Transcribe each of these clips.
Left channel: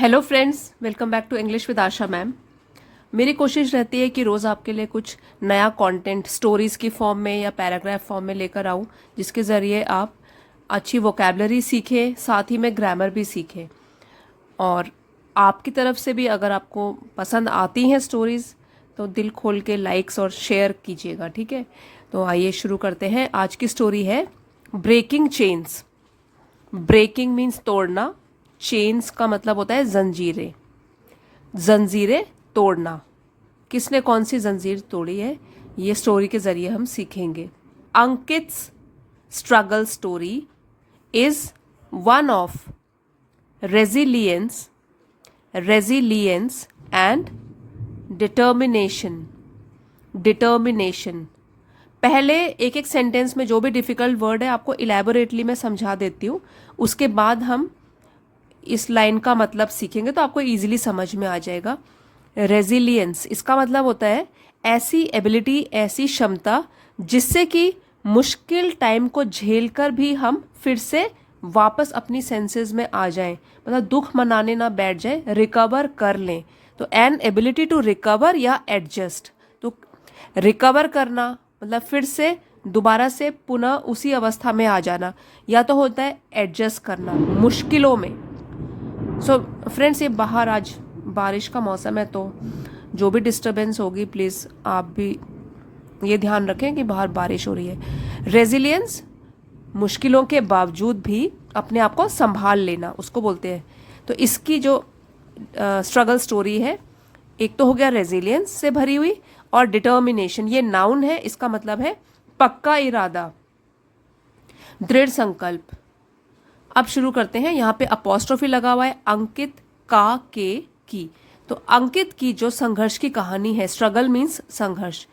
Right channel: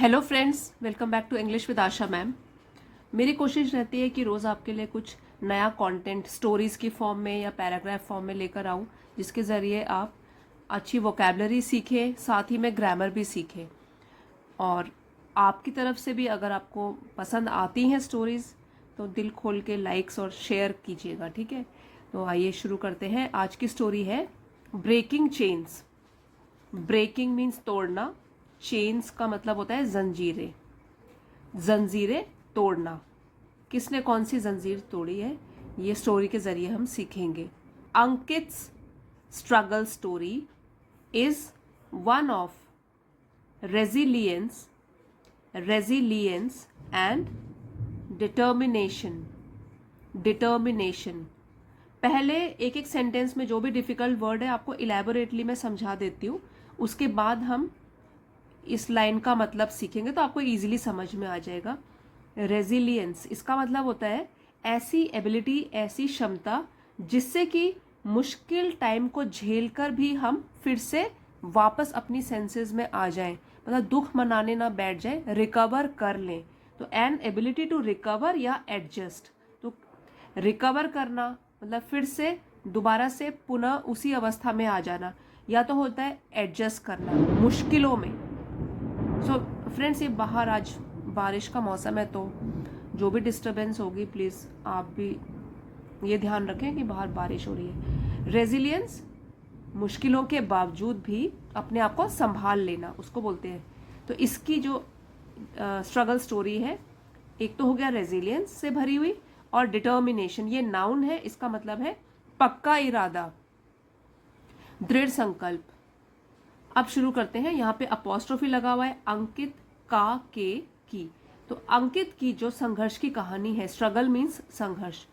Hello friends, welcome back to English with Asha ma'am. मेरी कोशिश रहती है कि रोज़ आपके लिए कुछ नया कंटेंट स्टोरीज़ की फॉर्म में या पैराग्राफ फॉर्म में लेकर आऊँ, जिसके ज़रिए आप अच्छी वोकेबलरी सीखें, साथ ही में ग्रामर भी सीखें। और आपकी तरफ से भी अगर आपको पसंद आती हैं स्टोरीज़ तो दिल खोल के लाइक्स और शेयर कीजिएगा, ठीक है। तो आइए शुरू करते हैं। आज की स्टोरी है ब्रेकिंग चेन्स। ब्रेकिंग मीन्स तोड़ना, चेन्स का मतलब होता है जंजीरें। जंजीरें तोड़ना। किसने कौन सी जंजीर तोड़ी है, ये स्टोरी के जरिए हम सीखेंगे। Ankit's struggle story is one of resilience and determination. Determination. पहले एक एक सेंटेंस में जो भी डिफिकल्ट वर्ड है आपको इलेबोरेटली मैं समझा देती हूँ, उसके बाद हम इस लाइन का मतलब सीखेंगे तो आपको इजीली समझ में आ जाएगा। रेजिलियंस, इसका मतलब होता है ऐसी एबिलिटी, ऐसी क्षमता जिससे कि मुश्किल टाइम को झेलकर भी हम फिर से वापस अपनी सेंसेस में आ जाएं, मतलब दुख मनाने ना बैठ जाएं, रिकवर कर लें। तो एन एबिलिटी टू रिकवर या एडजस्ट। तो रिकवर करना मतलब फिर से दोबारा से पुनः उसी अवस्था में आ जाना, या तो होता है एडजस्ट करना मुश्किलों में। सो फ्रेंड्स, ये बाहर आज बारिश का मौसम है तो जो भी डिस्टरबेंस होगी प्लीज़ आप भी ये ध्यान रखें कि बाहर बारिश हो रही है। रेजिलियंस, मुश्किलों के बावजूद भी अपने आप को संभाल लेना, उसको बोलते हैं। तो इसकी जो स्ट्रगल स्टोरी है, एक तो हो गया रेजिलियंस से भरी हुई, और डिटर्मिनेशन, ये नाउन है, इसका मतलब है पक्का इरादा, दृढ़ संकल्प। अब शुरू करते हैं। यहाँ पे अपोस्ट्रोफी लगा हुआ है, अंकित का के की। तो अंकित की जो संघर्ष की कहानी है, स्ट्रगल मीन्स संघर्ष,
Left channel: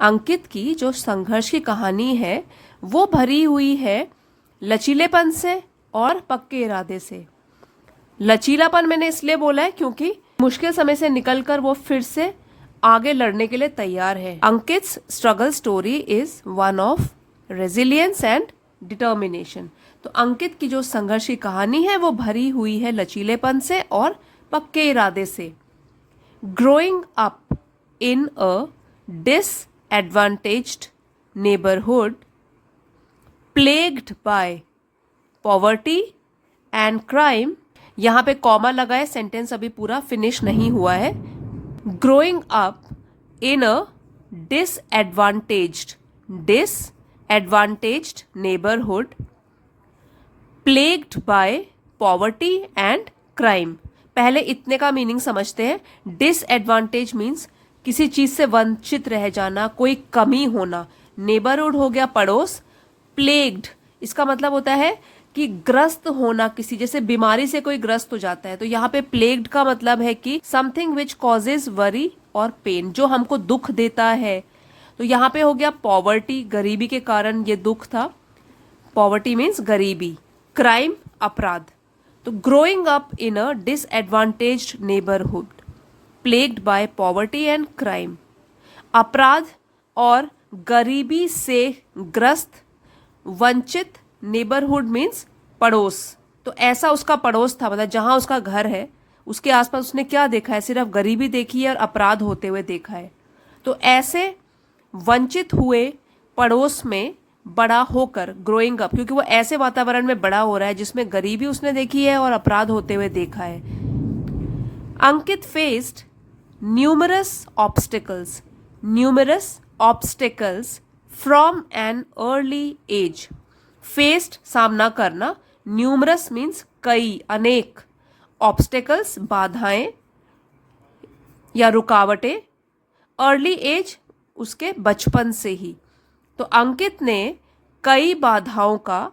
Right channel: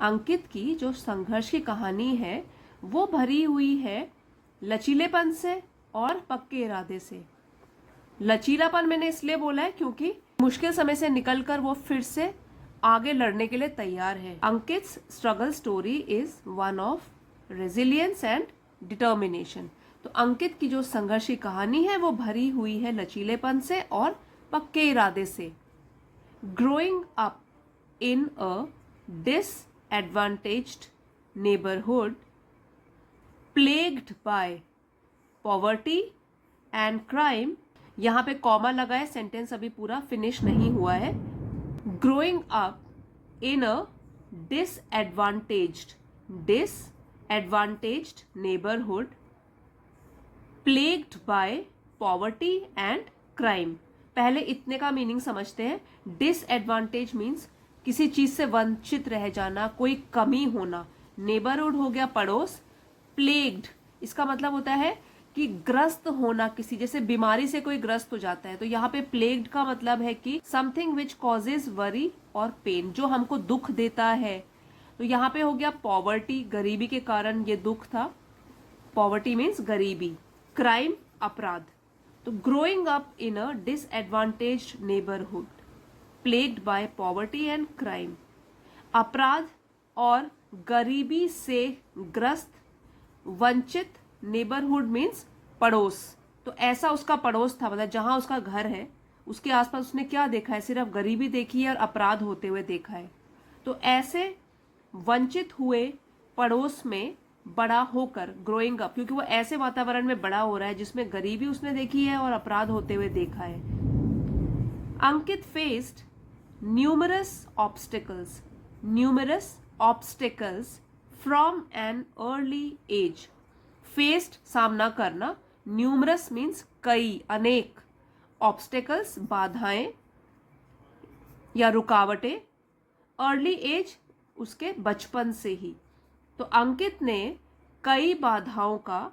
अंकित की जो संघर्ष की कहानी है वो भरी हुई है लचीलेपन से और पक्के इरादे से। लचीलापन मैंने इसलिए बोला है क्योंकि मुश्किल समय से निकलकर वो फिर से आगे लड़ने के लिए तैयार है। Ankit's struggle story is one of resilience and determination. तो अंकित की जो संघर्ष की कहानी है वो भरी हुई है लचीलेपन से और पक्के इरादे से। Growing up in a disadvantaged neighbourhood plagued by poverty and crime. यहाँ पे कॉमा लगा है, सेंटेंस अभी पूरा फिनिश नहीं हुआ है। Growing up in a disadvantaged neighbourhood plagued by poverty and crime. पहले इतने का मीनिंग समझते हैं। डिसएडवांटेज मीन्स किसी चीज से वंचित रह जाना, कोई कमी होना। नेबरहुड हो गया पड़ोस। प्लेग्ड, इसका मतलब होता है कि ग्रस्त होना, किसी जैसे बीमारी से कोई ग्रस्त हो जाता है, तो यहाँ पे प्लेग्ड का मतलब है कि समथिंग विच कॉजेज वरी और पेन, जो हमको दुख देता है। तो यहाँ पे हो गया पॉवर्टी, गरीबी के कारण ये दुख था। पॉवर्टी मीन्स गरीबी। क्राइम, अपराध। तो growing up in a disadvantaged neighbourhood plagued by poverty and crime, अपराध और गरीबी से ग्रस्त, वंचित, नेबरहुड मीन्स पड़ोस। तो ऐसा उसका पड़ोस था, मतलब जहां उसका घर है उसके आसपास उसने क्या देखा है, सिर्फ गरीबी देखी है और अपराध होते हुए देखा है। तो ऐसे वंचित हुए पड़ोस में बड़ा होकर, ग्रोइंग अप, क्योंकि वो ऐसे वातावरण में बड़ा हो रहा है जिसमें गरीबी उसने देखी है और अपराध होते हुए देखा है। Ankit faced numerous obstacles from an early age. Faced, सामना करना, न्यूमरस मीन्स कई, अनेक, ऑब्स्टिकल्स, बाधाएं या रुकावटें, अर्ली एज, उसके बचपन से ही। तो अंकित ने कई बाधाओं का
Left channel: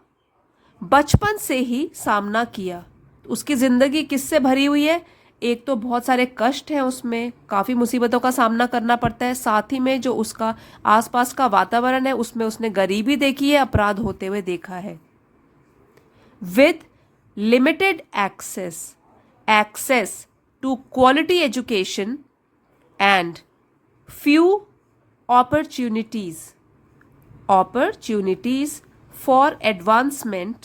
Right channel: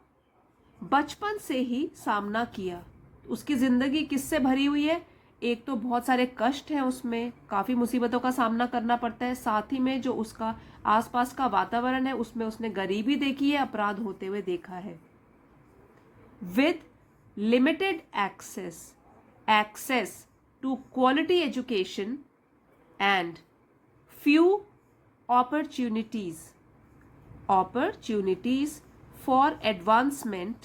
बचपन से ही सामना किया। उसकी जिंदगी किससे भरी हुई है, एक तो बहुत सारे कष्ट हैं, उसमें काफ़ी मुसीबतों का सामना करना पड़ता है, साथ ही में जो उसका आसपास का वातावरण है उसमें उसने गरीबी देखी है, अपराध होते हुए देखा है। With limited access to quality education and few opportunities for advancement.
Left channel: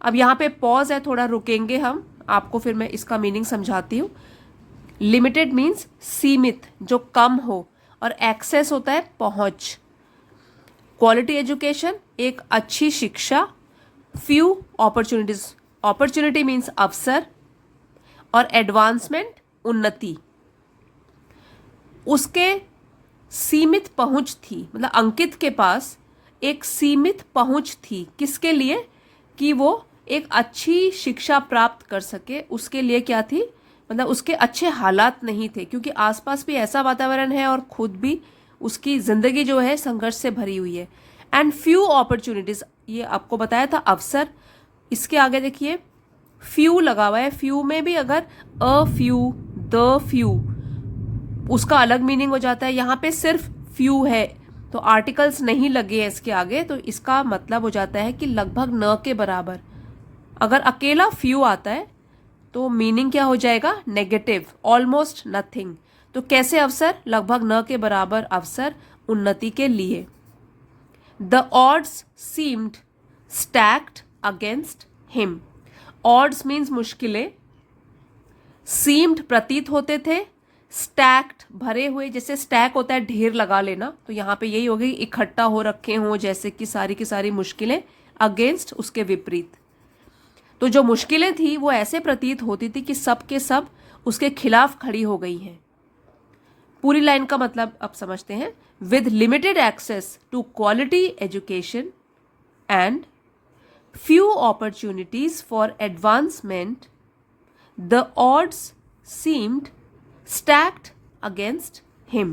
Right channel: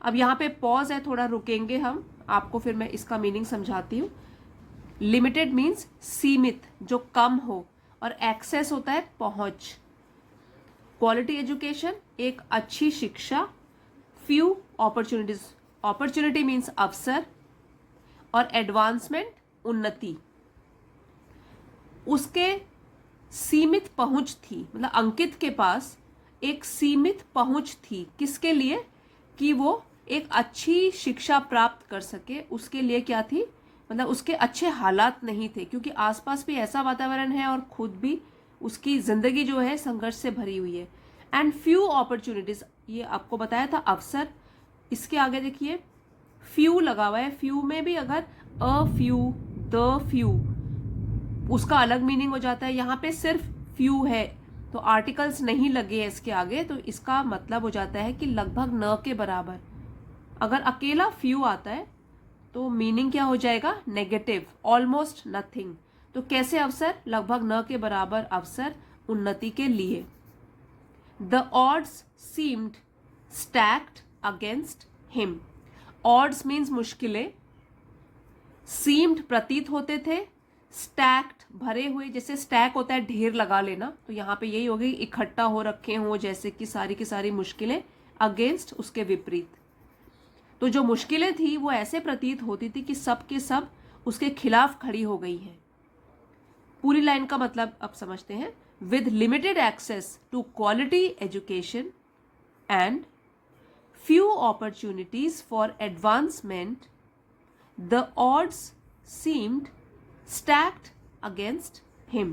अब यहाँ पे पॉज है, थोड़ा रुकेंगे हम, आपको फिर मैं इसका मीनिंग समझाती हूँ। लिमिटेड मीन्स सीमित, जो कम हो, और एक्सेस होता है पहुंच। क्वालिटी एजुकेशन एक अच्छी शिक्षा। फ्यू अपॉर्चुनिटीज, अपॉर्चुनिटी मीन्स अवसर, और एडवांसमेंट उन्नति। उसके सीमित पहुंच थी, मतलब अंकित के पास एक सीमित पहुंच थी, किसके लिए? कि वो एक अच्छी शिक्षा प्राप्त कर सके। उसके लिए क्या थी? मतलब उसके अच्छे हालात नहीं थे, क्योंकि आसपास भी ऐसा वातावरण है और खुद भी उसकी जिंदगी जो है संघर्ष से भरी हुई है। एंड फ्यू अपॉर्चुनिटीज, ये आपको बताया था अवसर। इसके आगे देखिए फ्यू लगा हुआ है। फ्यू में भी अगर अ फ्यू, द फ्यू, उसका अलग मीनिंग हो जाता है। यहाँ पे सिर्फ फ्यू है तो आर्टिकल्स नहीं लगे हैं इसके आगे, तो इसका मतलब हो जाता है कि लगभग न के बराबर। अगर अकेला फ्यू आता है तो मीनिंग क्या हो जाएगा? Negative, almost nothing. तो कैसे अवसर? लगभग न के बराबर अवसर उन्नति के लिए। The odds seemed stacked against him. Odds means मुश्किलें, सीम्ड प्रतीत होते थे, स्टैक्ड भरे हुए, जैसे स्टैक होता है ढेर लगा लेना, तो यहाँ पे यही होगी इकट्ठा हो रखे हों, जैसे कि सारी की सारी मुश्किलें। अगेंस्ट उसके विपरीत। तो जो मुश्किलें थी वो ऐसे प्रतीत होती थी कि सब के सब उसके खिलाफ खड़ी हो गई हैं। पूरी लाइन का मतलब अब समझते हैं। With limited access to quality education and few opportunities for advancement, the odds seemed stacked against him.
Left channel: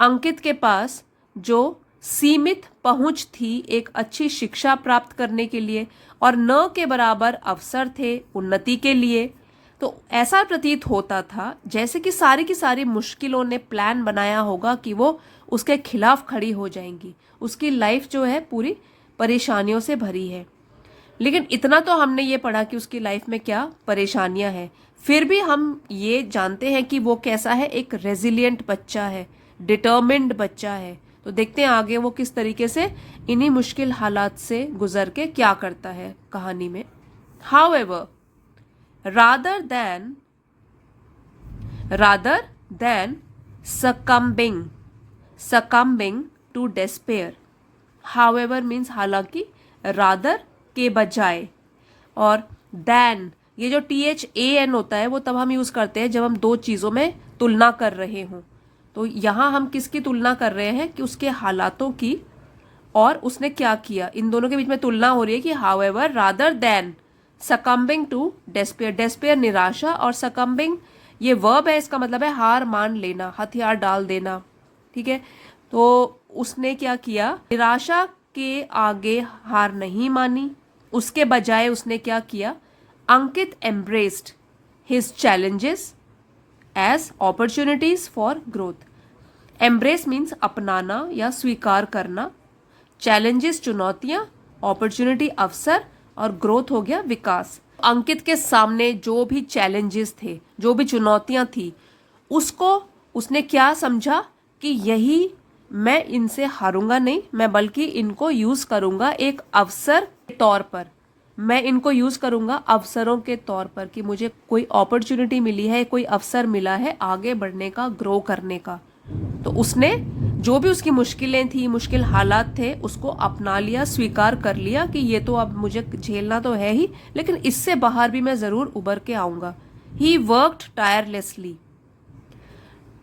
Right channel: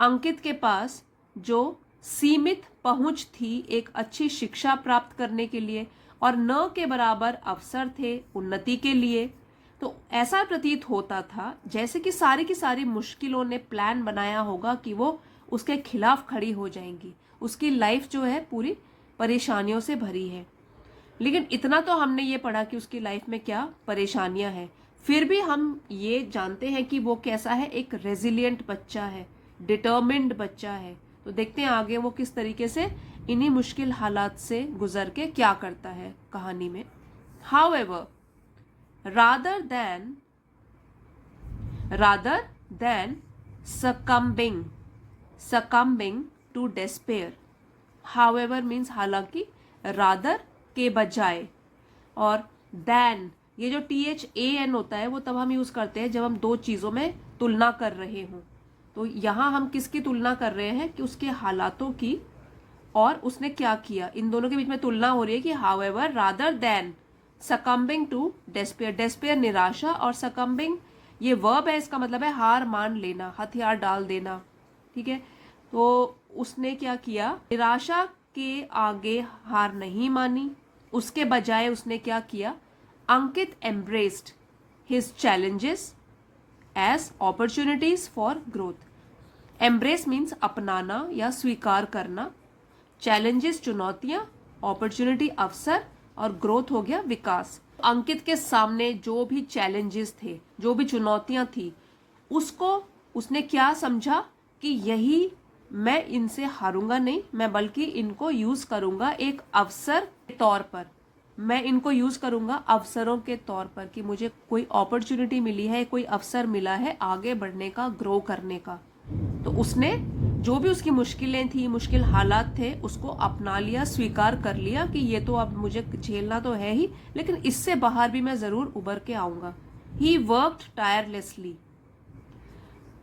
अंकित के पास जो सीमित पहुंच थी एक अच्छी शिक्षा प्राप्त करने के लिए, और न के बराबर अवसर थे उन्नति के लिए, तो ऐसा प्रतीत होता था जैसे कि सारी की सारी मुश्किलों ने प्लान बनाया होगा कि वो उसके खिलाफ खड़ी हो जाएंगी। उसकी लाइफ जो है पूरी परेशानियों से भरी है। लेकिन इतना तो हमने ये पढ़ा कि उसकी लाइफ में क्या परेशानियां हैं, फिर भी हम ये जानते हैं कि वो कैसा है, एक रेजिलिएंट बच्चा है, डिटर्मिन्ड बच्चा है। तो देखते हैं आगे वो किस तरीके से इन्हीं मुश्किल हालात से गुजर के क्या करता है कहानी में। However, rather than succumbing to despair, however means हालांकि, rather के बजाय, और देन, ये जो THAN होता है वो तब हम यूज करते हैं जब हम दो चीजों में तुलना कर रहे हों। तो यहां हम किसकी तुलना कर रहे हैं? कि उसके हालातों की, और उसने क्या किया, इन दोनों के बीच में तुलना हो रही है कि however rather than succumbing to despair. Despair निराशा, और सकम्बिंग ये वर्ब है, इसका मतलब है हार मान लेना, हथियार डाल देना। ठीक है, तो उसने क्या किया? निराशा के आगे हार नहीं मानी, उसके बजाय उसने क्या किया? Ankit embraced his challenges as opportunities for growth. Embrace means अपनाना या स्वीकार करना, चैलेंजेस चुनौतियां, अपॉर्चुनिटी अवसर, और ग्रोथ हो गया विकास। अंकित के सामने जो भी चैलेंजेस थे, जो भी चुनौतियां थी, उसको उसने क्या समझा कि यही, मैं इनसे हारूंगा नहीं, मैं बल्कि इनको यूज करूंगा एक अवसर के तौर पर। मैं इनको यूज करूंगा अवसरों के तौर पर, कि मुझे कोई अपॉर्चुनिटी मिली है, कोई अवसर मिला है आगे बढ़ने का, ग्रो करने का। तो उसने जो भी उसकी मुश्किलें थी, मुश्किल हालात थे, उसको अपना लिया, स्वीकार कर लिया कि ये तो अब मुझे झेलना तो है ही, लेकिन इससे बाहर भी मैं जरूर उबर के आऊंगा। He worked tirelessly.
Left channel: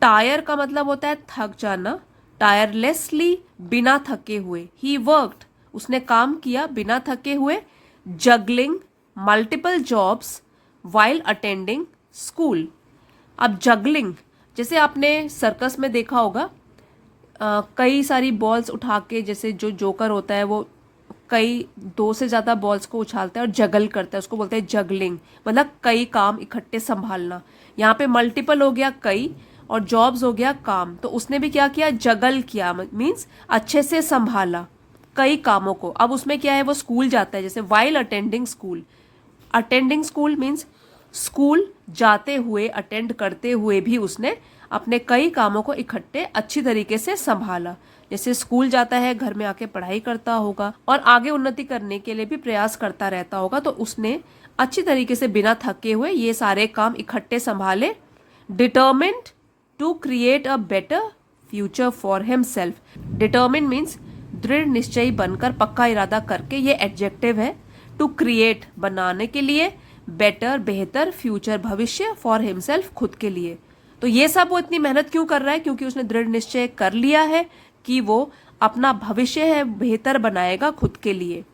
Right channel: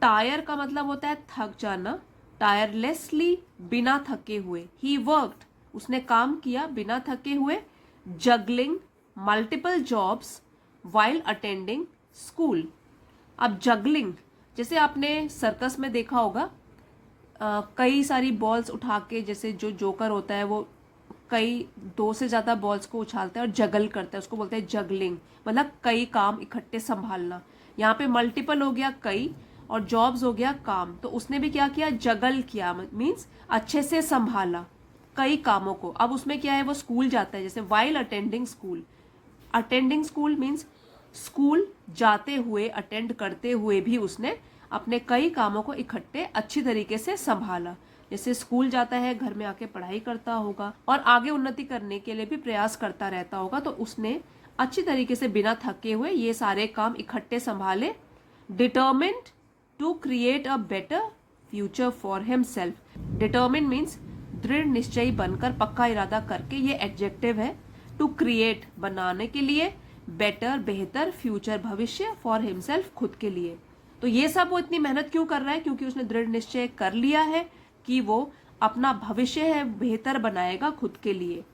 टायर का मतलब होता है थक जाना, टायरलेसली बिना थके हुए। ही वर्कड, उसने काम किया बिना थके हुए। Juggling multiple jobs while attending school. अब जगलिंग, जैसे आपने सर्कस में देखा होगा, कई सारी बॉल्स उठा के, जैसे जो जोकर होता है वो कई दो से ज़्यादा बॉल्स को उछालता है और जगल करता है, उसको बोलते हैं जगलिंग, मतलब कई काम इकट्ठे संभालना। यहाँ पे मल्टीपल हो गया कई, और जॉब्स हो गया काम। तो उसने भी क्या किया? जगल किया, मीन्स अच्छे से संभाला कई कामों को। अब उसमें क्या है, वो स्कूल जाता है, जैसे while attending school. Attending school means school जाते हुए, अटेंड करते हुए भी उसने अपने कई कामों को इकट्ठे अच्छी तरीके से संभाला। जैसे स्कूल जाता है, घर में आके पढ़ाई करता होगा और आगे उन्नति करने के लिए भी प्रयास करता रहता होगा, तो उसने अच्छी तरीके से बिना थके हुए ये सारे काम इकट्ठे संभाले। Determined to create a better future for himself. Determine means दृढ़ निश्चयी बनकर, पक्का इरादा करके, ये एडजेक्टिव है। टू क्रिएट बनाने के लिए, बेटर बेहतर, फ्यूचर भविष्य, फॉर हिमसेल्फ खुद के लिए। तो ये सब वो इतनी मेहनत क्यों कर रहा है? क्योंकि उसने दृढ़ निश्चय कर लिया है कि वो अपना भविष्य है बेहतर बनाएगा खुद के लिए।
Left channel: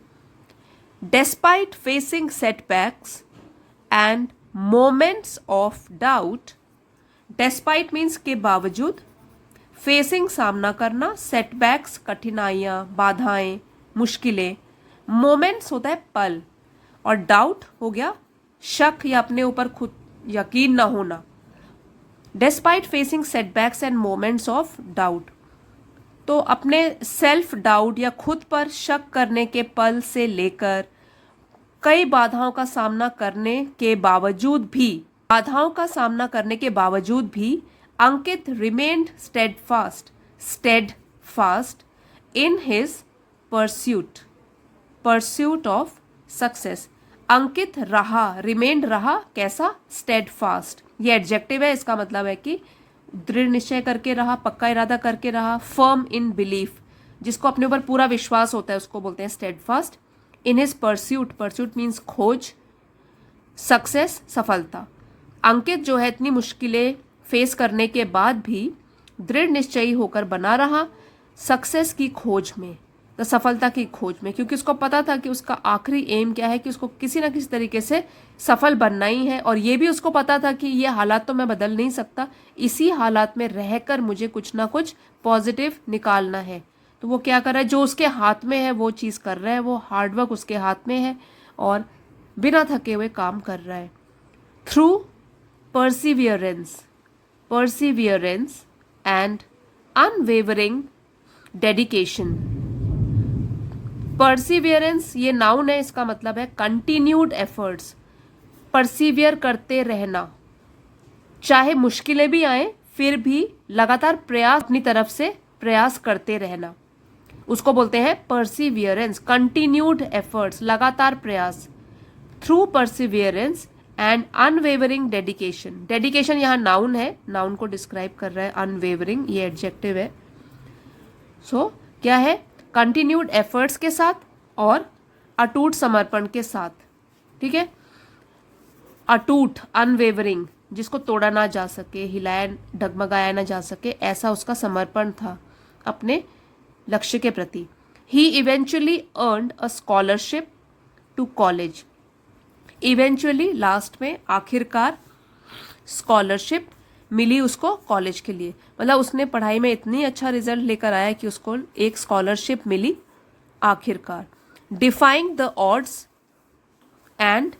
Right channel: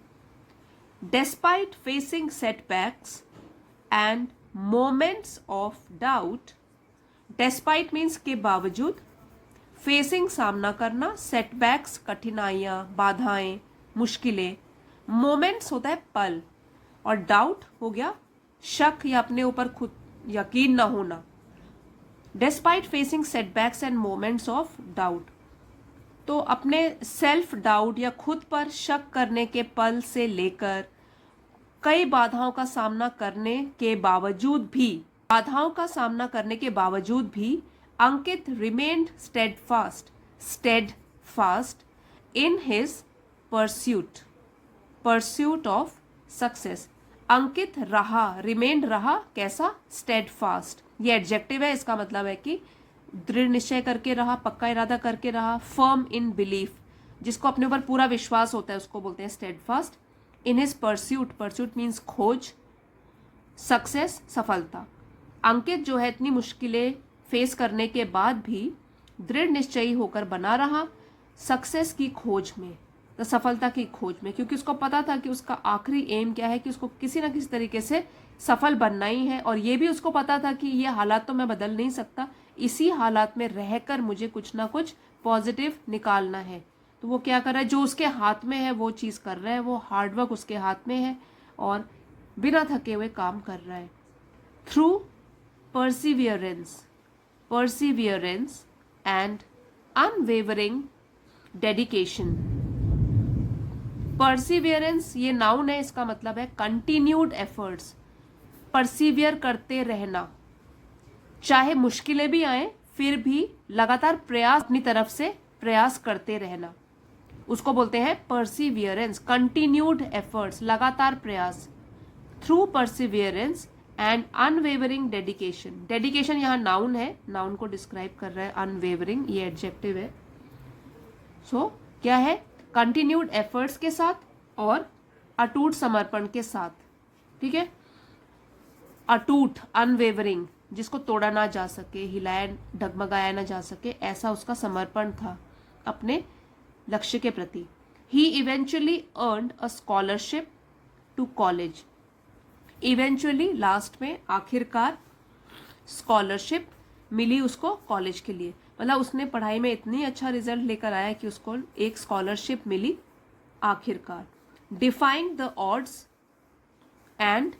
Despite facing setbacks and moments of doubt, despite means के बावजूद, facing सामना करना, setbacks कठिनाइयाँ, बाधाएं, मुश्किलें, moments होता है पल, और doubt हो गया शक या अपने ऊपर खुद यकीन ना होना। Despite facing setbacks and moments of doubt, तो अपने सेल्फ डाउट या खुद पर शक करने के पल से लेकर कई बाधाओं का सामना करने के बावजूद भी Ankit remained steadfast in his pursuit of success. Ankit रहा, रिमेन्ड रहा, कैसा? स्टेडफास्ट। ये एडजेक्टिव है, इसका मतलब है कि दृढ़ निश्चय करके रहा, पक्का इरादा करके रहा। फर्म इन बिलीफ, जिसको अपने ऊपर पूरा विश्वास होता है उसको बोलते हैं स्टेडफास्ट। इन हिज परस्यूट मीन्स खोज। सक्सेस सफलता। अंकित जो है इतनी मुश्किलें फेस करने के बाद भी दृढ़ निश्चयी होकर बना रहा सक्सेस की खोज में, तो सफलता की खोज में, क्योंकि उसको पता था कि उसका आखिरी एम क्या है, कि उसको किसी ना किसी तरीके से सफल बनना ही है। और ये भी उसको पता था कि ये हालात तो मैं बदल नहीं सकता, इसी हालात में रहकर मुझे कुछ ना कुछ पॉजिटिव निकालना है। तो वो क्या कर रहा है? जो उसके हाथ में है वो चीज़ कर रहा है, वो हार्डवर्क उसके हाथ में है और बिना थके हुए काम कर रहा है। Through Perseverance and unwavering dedication. Perseverance ये नाउन है, इसका मतलब है कंटिन्यूड एफर्ट्स। परसिवियर करते रहना, चाहे मुश्किलें भी आए फिर भी लगातार प्रयास, अपनी तरफ से प्रयास करते रहना, उसको बोलते हैं परसिवियरेंस। कंटिन्यूड एफर्ट्स, लगातार प्रयास। Through Perseverance and unwavering dedication. Dedication यहाँ नाउन है, नाउन को डिस्क्राइब कर रहा है। अनवेवरिंग ये एडजेक्टिव है। सो क्या है? कंटिन्यूड एफर्ट्स के साथ और अटूट समर्पण के साथ। ठीक है, अटूट, अनवेवरिंग, जिसको तोड़ा ना जा सके, हिलाया डगमगाया ना जा सके, ऐसा उसका समर्पण था अपने लक्ष्य के प्रति। He eventually earned a scholarship to college. Eventually लास्ट में, आखिरकार, स्कॉलरशिप मिली उसको कॉलेज के लिए, मतलब उसने पढ़ाई में इतनी अच्छा रिजल्ट लेकर आया कि उसको एक स्कॉलरशिप मिली आखिरकार। Defying the odds and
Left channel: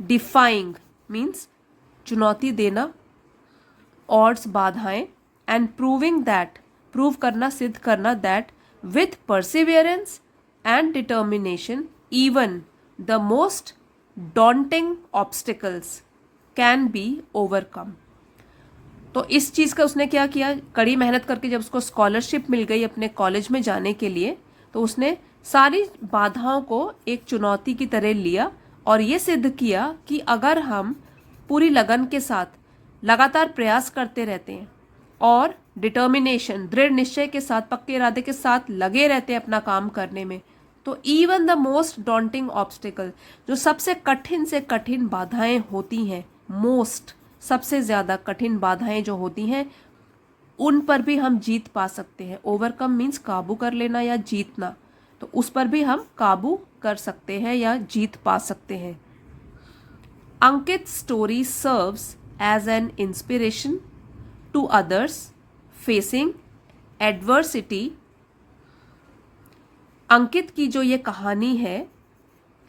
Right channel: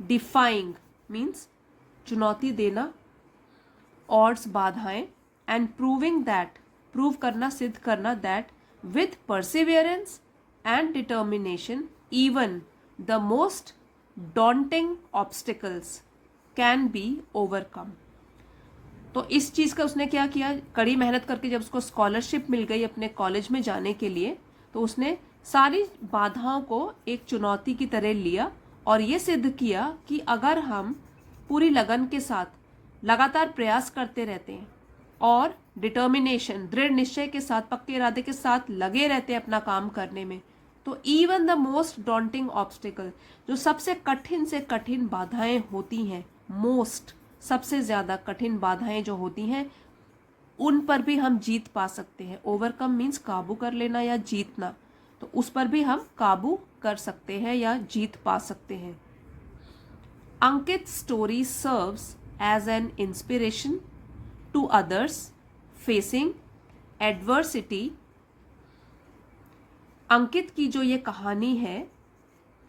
defying means चुनौती देना, ऑड्स बाधाएं, एंड प्रूविंग दैट प्रूव करना, सिद्ध करना, that with Perseverance and determination even the most daunting obstacles can be overcome. तो इस चीज़ का उसने क्या किया? कड़ी मेहनत करके जब उसको स्कॉलरशिप मिल गई अपने कॉलेज में जाने के लिए, तो उसने सारी बाधाओं को एक चुनौती की तरह लिया और ये सिद्ध किया कि अगर हम पूरी लगन के साथ लगातार प्रयास करते रहते हैं और डिटर्मिनेशन, दृढ़ निश्चय के साथ, पक्के इरादे के साथ लगे रहते हैं अपना काम करने में, तो even the most daunting obstacle, जो सबसे कठिन से कठिन बाधाएं होती हैं, मोस्ट सबसे ज़्यादा कठिन बाधाएं जो होती हैं, उन पर भी हम जीत पा सकते हैं। ओवरकम मीन्स काबू कर लेना या जीतना, तो उस पर भी हम काबू कर सकते हैं या जीत पा सकते हैं। Ankit story serves as an inspiration to others facing adversity. Ankit की जो ये कहानी है,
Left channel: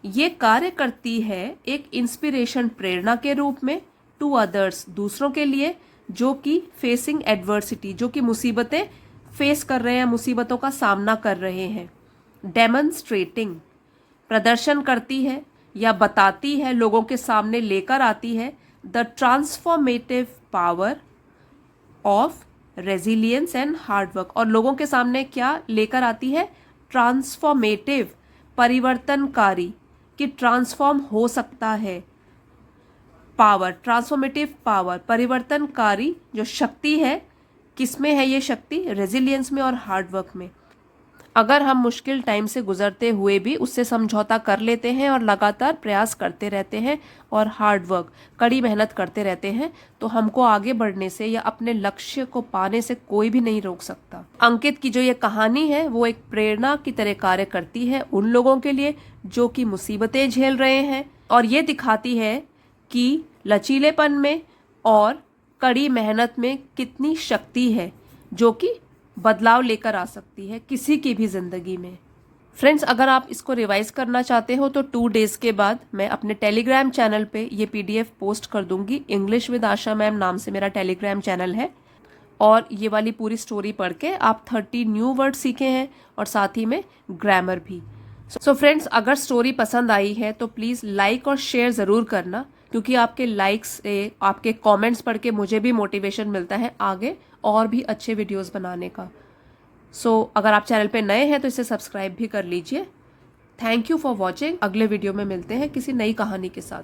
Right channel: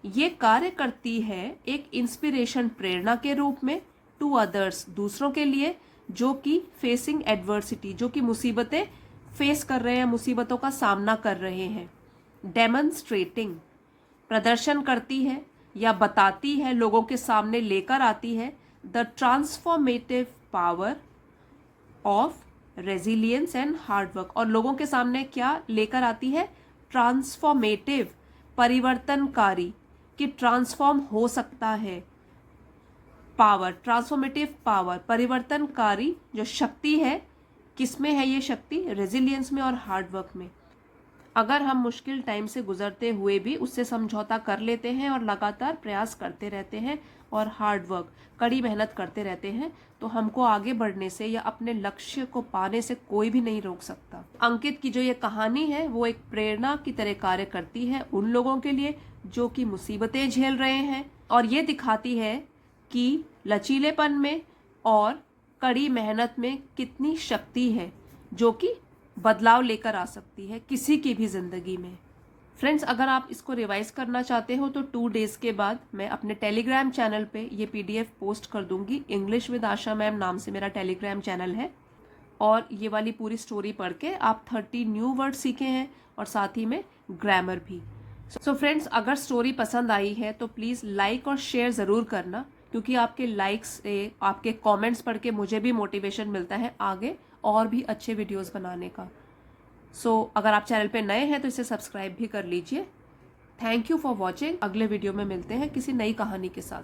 ये कार्य करती है एक इंस्पिरेशन, प्रेरणा के रूप में, टू अदर्स, दूसरों के लिए, जो कि फेसिंग एडवर्सिटी, जो कि मुसीबतें फेस कर रहे हैं, मुसीबतों का सामना कर रहे हैं। डेमोन्स्ट्रेटिंग, प्रदर्शन करती है या बताती है, लोगों के सामने लेकर आती है, the transformative power of resilience and hard work. और लोगों के सामने क्या लेकर आती है? ट्रांसफॉर्मेटिव, परिवर्तनकारी। कि ट्रांसफॉर्म हो सकता है। पावर, ट्रांसफॉर्मेटिव पावर, परिवर्तनकारी जो शक्ति है, किसमें है ये शक्ति? रेजिलियंस में और हार्डवर्क में। अगर हम मुश्किल टाइम से गुजरते हुए भी उससे समझौता कर लेते हैं और लगातार प्रयास करते रहते हैं और हार्डवर्क, कड़ी मेहनत करते रहते हैं, तो हमको आगे बढ़ने से या अपने लक्ष्य को पाने से कोई भी नहीं रोक सकता। अंकित की जो ये कहानी है वो एक प्रेरणा की तरह कार्य करती है उन लोगों के लिए जो कि मुसीबतें झेल रहे हैं, और ये दिखाती है कि लचीलेपन में और कड़ी मेहनत में कितनी शक्ति है जो कि बदलाव लेकर आ सकती है किसी की भी ज़िंदगी में। फ्रेंड्स, अगर आप इसको रिवाइज करना चाहते हो तो 2 डेज़ के बाद मैं अपने टेलीग्राम चैनल पे ये PDF पोस्ट कर दूंगी। इंग्लिश विद आशा मैम नाम से मेरा टेलीग्राम चैनल है, और ये वाली पूरी स्टोरी पढ़ के आप 30 न्यू वर्ड सीखे हैं और साथ ही में ग्रामर भी। सो फ्रेंड्स, अगर स्टोरी पसंद आई है तो प्लीज़ लाइक और शेयर ज़रूर करना, क्योंकि आपके लाइक्स से, आपके कमेंट्स पढ़ के मुझे भी मोटिवेशन मिलता है आगे और भी अच्छे वीडियोस बनाने का। अगर आप चैनल पे नए हैं तो इसे सब्सक्राइब भी कर लीजिए। Thank you for watching. अगले वीडियो में मिलते हैं किसी नई कहानी के साथ।